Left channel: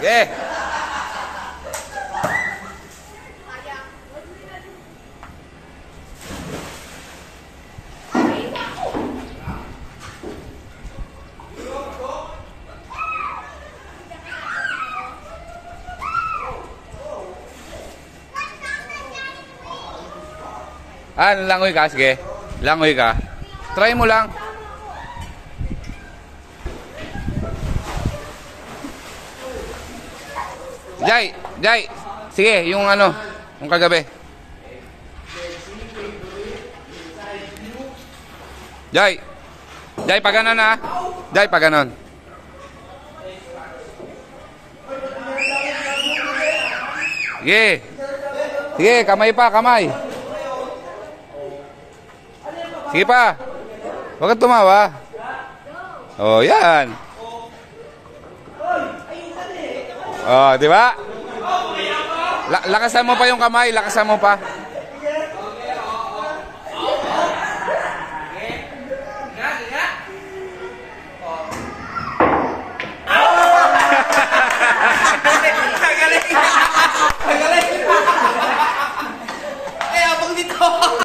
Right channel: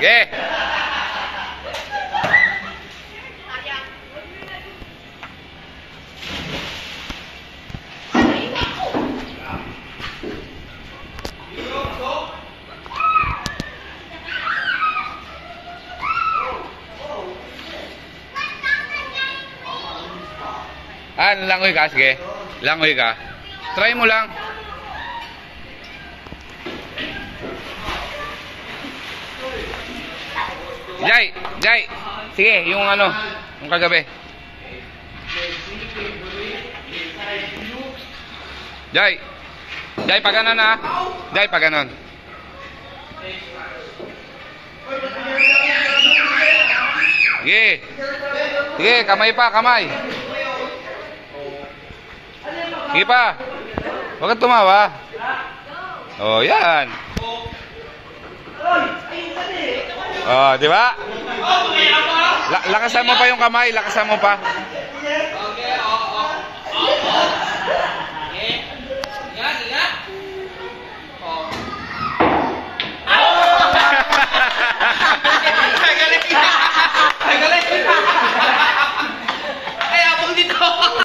Okay. Langoy ka, sige. Langoy ka. Try mo lang. Jai. Sige, yung ano, yung kagabi. Jai, pag ganon na. Jai, pag ganon. Sige, kamay pa, kamay. Sige pa. Huwag kang tumawa. Oh, yan. Oh, di ba? Lakasan mo pa yung kamay, lakasan mo pa.